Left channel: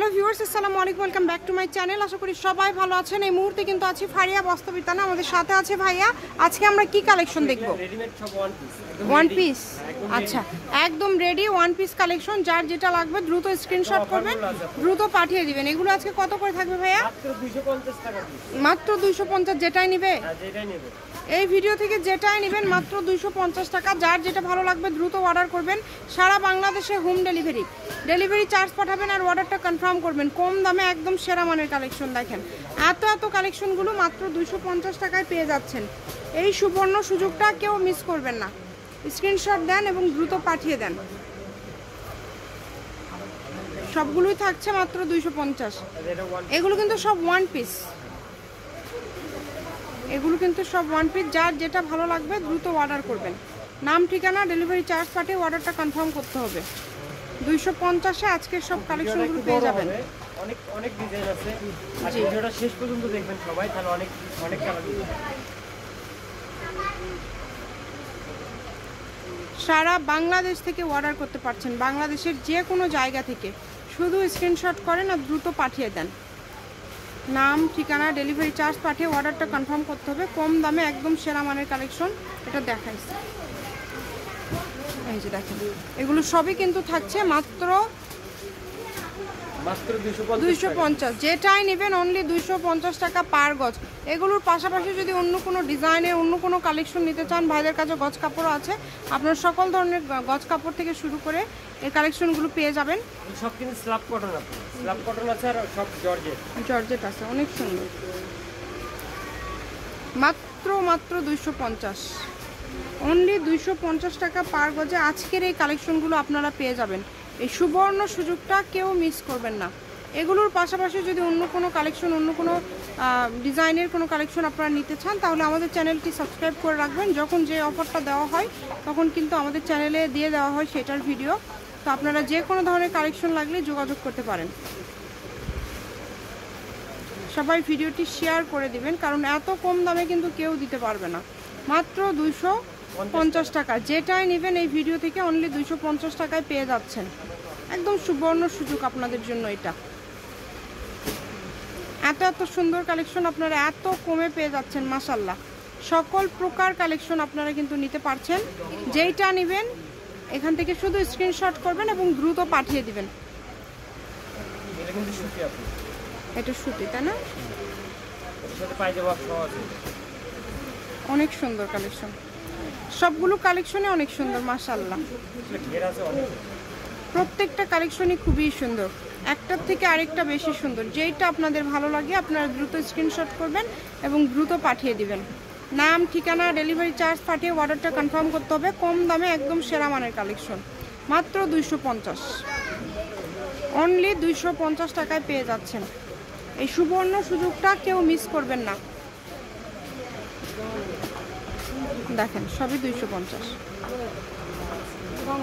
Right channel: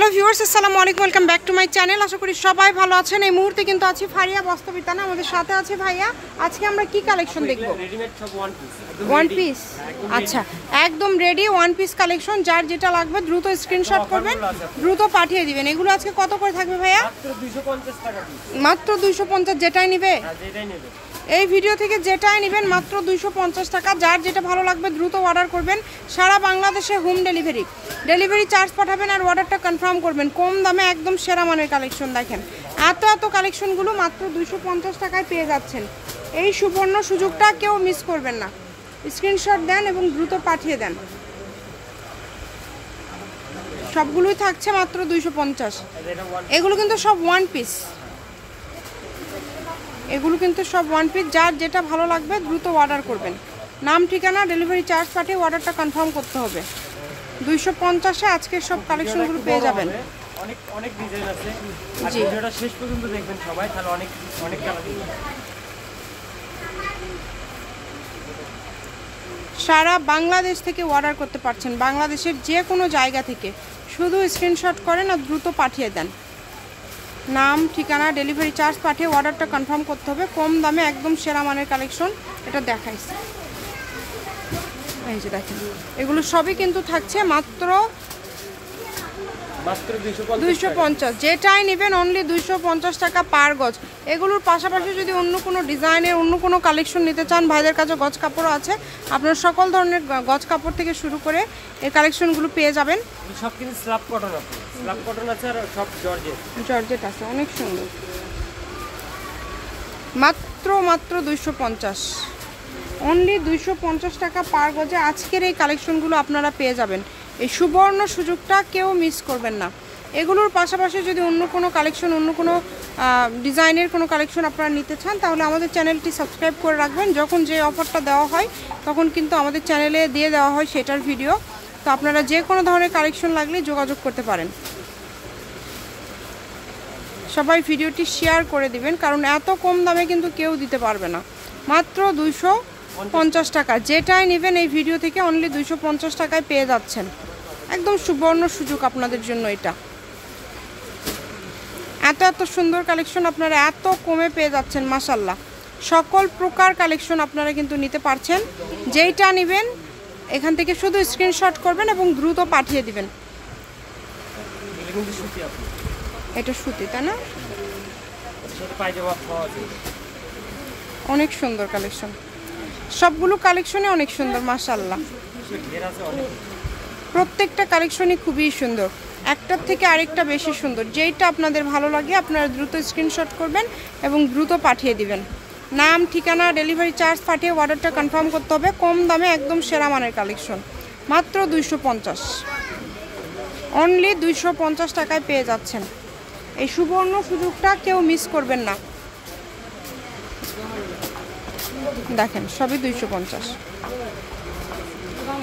Hello viewers, আসসালামু আলাইকুম, welcome back to my channel. আশা করি সবাই ভালো আছেন। এই মুহূর্তে কিন্তু আছি ফারিয়া বস্ত্রবিতানে, আমাদের সাথে আছে ভাইয়া। আজকে আমরা কি কালেকশন দেখবো? One piece. আচ্ছা, একদম রেডি ওয়ান পিস কালেকশন। যার যেটা লাগবে দ্রুত স্ক্রিনশট করবেন, দ্রুত পাঠিয়ে দিবেন। এগুলো আজকে কত করে থাকবে ভাইয়া? মাত্র 250। যেটাই নিবে, এই ভিডিও থেকে যেটাই নেবেন মাত্র 250 টাকা। যার যেটা ভালো লাগবে দ্রুত অর্ডার করবেন। সারা বাংলাদেশে হোম ডেলিভারি চার্জ পাঠাবেন আর অর্ডারটা কনফার্ম করবেন। কম দামে একদম সেরা মানের কালেকশন। দেখেন এত কালেকশনগুলো মাত্র 250 টাকায় পেয়ে যাচ্ছেন। এই সুবর্ণ সুযোগটা কেউ মিস করবেন না। স্ক্রিনশট দেন এবং দ্রুত পাঠিয়ে দেন। সবগুলোই থাকছে মাত্র 250। এগুলো কিন্তু সব ওয়ান পিস, এগুলো কিন্তু সব ওয়ান পিস। যার যেটা ভালো লাগবে দ্রুত অর্ডার করবেন। নাম, ঠিকানা, ডেলিভারি চার্জ পাঠিয়ে অর্ডারটা কনফার্ম করতে হবে। 250-এ আজকের সব কালেকশনগুলো পেয়ে যাবেন। অনেক ডিজাইন আছে, আর ভিডিওটা শেষ পর্যন্ত দেখবেন সবাই, তাহলে অনেক কালার পাবেন। সারা বাংলাদেশ থেকে অর্ডার করতে পারছেন, বাংলাদেশের যে কোনো জায়গা থেকে। শুধু স্ক্রিনশট করেন আর দ্রুত পাঠিয়ে দেন। নাম, ঠিকানা, ডেলিভারি চার্জ পাঠিয়ে অর্ডারটা কনফার্ম করতে হবে। কম দামে একদম সেরা মানের কালেকশন এটা দেখাইছে। এই যে দেখেন, এগুলো সবই কিন্তু থাকছে মাত্র 250। যেটাই নেবেন অনলি 250 টাকা পার গজ। এগুলোর পাশাপাশি যদি অন্য কোনো ডিজাইনের অন্য কোনো কালেকশন নিতে চান, ভাইদের কাছে গজ কাপড়ও আছে। আপনার সকল ধরনের গজ কাপড় থেকে শুরু করে এই কালেকশনগুলো পেয়ে যাবেন। সব কিন্তু স্ল্যাব কটন আছে, স্ল্যাব কটন আছে, আর সব জর্জেট আছে। অনেক সুন্দর। মাত্র 250, অনলি 250 টাকা পার গজে আজকের এই কালেকশনগুলো আপনারা পেয়ে যাবেন। এই সুবর্ণ সুযোগটা কেউ মিস করবেন না। এগুলোর পাশাপাশি যদি অন্য কোনো কালেকশন, অন্য কোনো ডিজাইনের কোনো কালেকশন আপনারা নিতে চান, তাহলে আমাদের চ্যানেলটি সাবস্ক্রাইব করে রাখবেন। যখন যে অফারটা দেওয়া হয় তখন কিন্তু আমাদের চ্যানেলে দিয়ে দেওয়া হয় সেটার ভিডিও। তো আপনারা যে কোনো ধরনের কালেকশন লাগলে যোগাযোগ করতে পারেন। সবাই ভিডিওটি শেয়ার করে দিবেন, কারণ এত কম দামে কিন্তু কেউ দিতে পারবে না। মাত্র 250 টাকা। যেটাই নেবেন এই ভিডিও থেকে অনলি 250 টাকায় পেয়ে যাচ্ছেন। একদম সুবর্ণ সুযোগ আপনাদের জন্য এটা। এত সুন্দর কালেকশন আপনারা এত কমে পেয়ে যাচ্ছেন। মাশাল্লাহ, সকল প্রকার কালেকশন আপনারা কিন্তু নিতে পারছেন। যেইটা নেবেন এখান থেকে শুধু স্ক্রিনশট করবেন এবং দ্রুত পাঠিয়ে দিবেন। এটা সুতি, তাই না? অনেক সুন্দর কালেকশন, সবগুলো কালেকশনে অনেক সুন্দর। মাশাআল্লাহ, প্রত্যেকটা কালেকশনই খুবই সুন্দর, একটার থেকে আরেকটা বেশি সুন্দর। যেইটা আপনাদের ভালো লাগে আপনারা দ্রুত স্ক্রিনশট করবেন এবং দ্রুত পাঠিয়ে দিবেন। নাম, ঠিকানা, ডেলিভারি চার্জ পাঠিয়ে অর্ডারটা কনফার্ম করতে হবে। কম দামে একদম সেরা মানের কালেকশন। মাত্র 250, অনলি 250 টাকায় পেয়ে যাচ্ছেন। এই সুবর্ণ সুযোগটা কেউ মিস করবেন না। দেখেন সবই 250।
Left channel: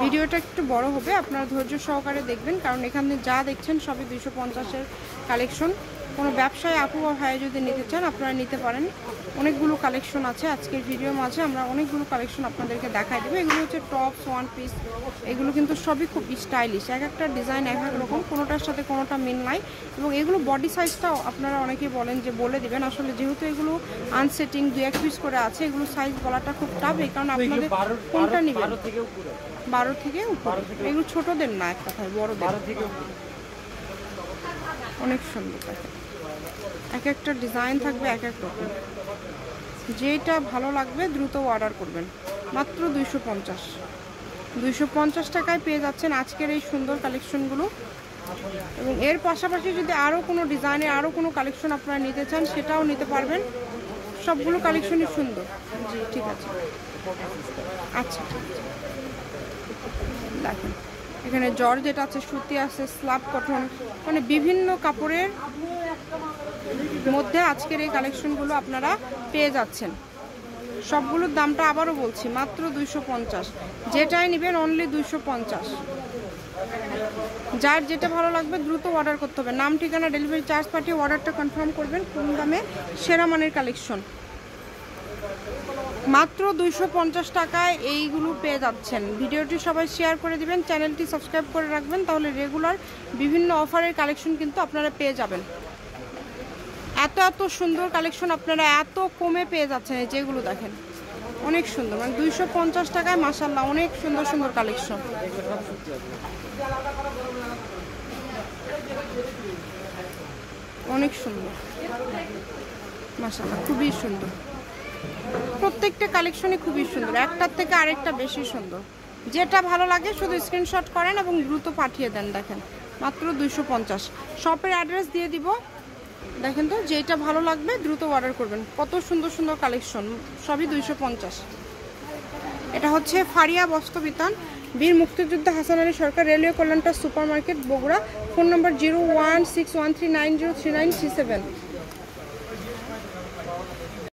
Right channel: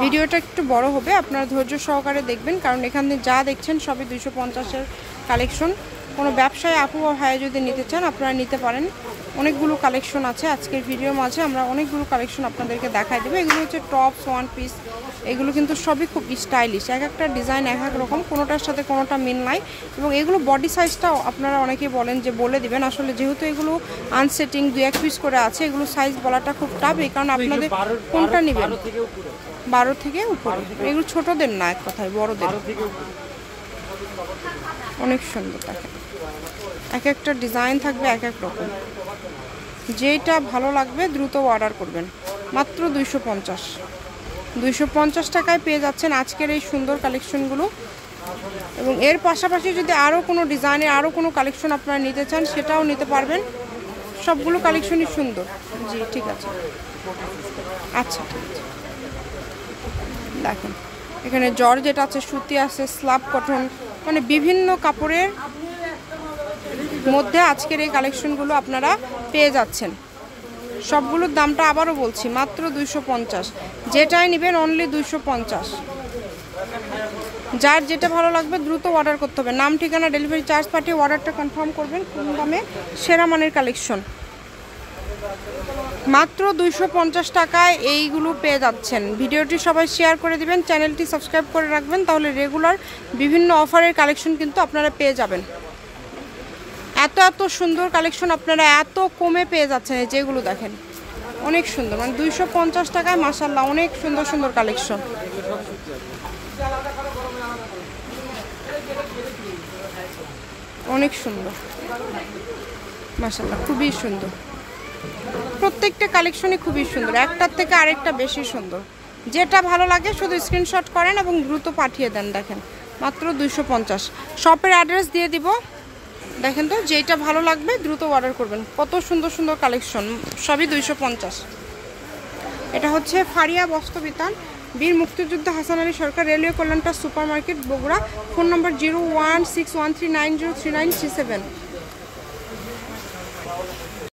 ভিডিওটা একটু বড় হবে, আপনারা ধৈর্য সহকারে দেখবেন, কারণ এখানে যা দেখছেন সবই 250-এর কালেকশন। কোনো ব্যবসায় আপু বা ভাই যদি নিতে চান আপনারা নিতে পারেন। অনেকগুলো কালেকশন আছে আজকের ভিডিওর মাঝে, আমরা অনেকগুলো কালেকশন আপনাদেরকে দেখাই দেবো। এগুলো হচ্ছে টপস, ওয়ান পিস। এগুলো কিন্তু সবই খুব স্টাইলিশ, এক একটা ডিজাইন এক এক রকম, কোনোটার সাথে কোনোটা মিল নাই। এবং এগুলো বডি সাইজটাও আপনারা অনেকেই বলেন যে বলে দিবেন। আসলে যেহেতু এগুলো আনসেটিং 2-1 পিস করে আছে, এগুলো সাইজ বলাটা খুব টাফ। এই কারণে আপনাদের কোনটা নেবেন? 12 থেকে উপরে। এগুলো ছোটদের না, এক কথায় বড়দের। অনেক সুন্দর। দেখেন এক একটা ডিজাইন থাকবে এক এক রকম। যেটা ভালো লাগবে দ্রুত অর্ডার করবেন। মাত্র 250 টাকায় পেয়ে যাচ্ছেন আজকের এই সুন্দর কালেকশনগুলো। এবং এর পাশাপাশি যদি আরও কোনো ডিজাইনের আরও কোনো কালেকশন আপনারা নিতে চান সেটাও নিতে পারবেন। সবগুলো কালেকশনই সুন্দর। জি ঠিক আছে, আচ্ছা ঠিক আছে। দেখেন এখানে জর্জেট আছে, সুতি আছে, স্ল্যাব কটন, মানে বিভিন্ন কাপড়ের মধ্যে আজকের এই কালেকশনগুলো আপনারা পেয়ে যাচ্ছেন। সবগুলোর দামটা আবারও বলছি, মাত্র 250। যেটাই নেবেন অনলি 250। যার যেটা ভালো লাগবে দ্রুত অর্ডার করতে হবে। নাম, ঠিকানা, ডেলিভারি চার্জ পাঠিয়ে অর্ডারটা কনফার্ম করবেন। কম দামে সেরা মানের কালেকশন। মাত্র 250 টাকায় এইগুলো পেয়ে যাচ্ছেন। ভিডিওটি সবাই শেয়ার করে দিবেন, চ্যানেলটি সাবস্ক্রাইব করে রাখবেন, তাহলে রেগুলার বিভিন্ন অফারের কালেকশন কিন্তু আপনারা পেয়ে যাবেন। এত এত সুন্দর কালেকশন আপনারা এত কমে পেয়ে যাচ্ছেন। এই যেগুলো দেখেন অনেক সুন্দর, মানে 250 টাকায় মাশাআল্লাহ অনেক সুন্দর সুন্দর কালেকশন। অনেক সুন্দর মাশাআল্লাহ, খুবই সুন্দর। প্রত্যেকটা কালেকশনই খুবই সুন্দর, একটার থেকে আরেকটা বেশি সুন্দর। যেটা ভালো লাগে শুধু স্ক্রিনশট করেন এবং দ্রুত পাঠিয়ে দেন। দেখেন মাত্র 250। শপের অ্যাড্রেস দিয়ে দিব, দেখেন তো যেটা ভালো লাগবে দ্রুত অর্ডার করবেন। কত সুন্দর সুন্দর কালেকশন, সবই 250। এটা হচ্ছে ফারিয়া বস্ত্রবিতান, বীর মুক্তিযোদ্ধা হাসান আলী সরকার, রেলওয়ে কল্যাণটা super market, Bogura. Phone number 016139039337।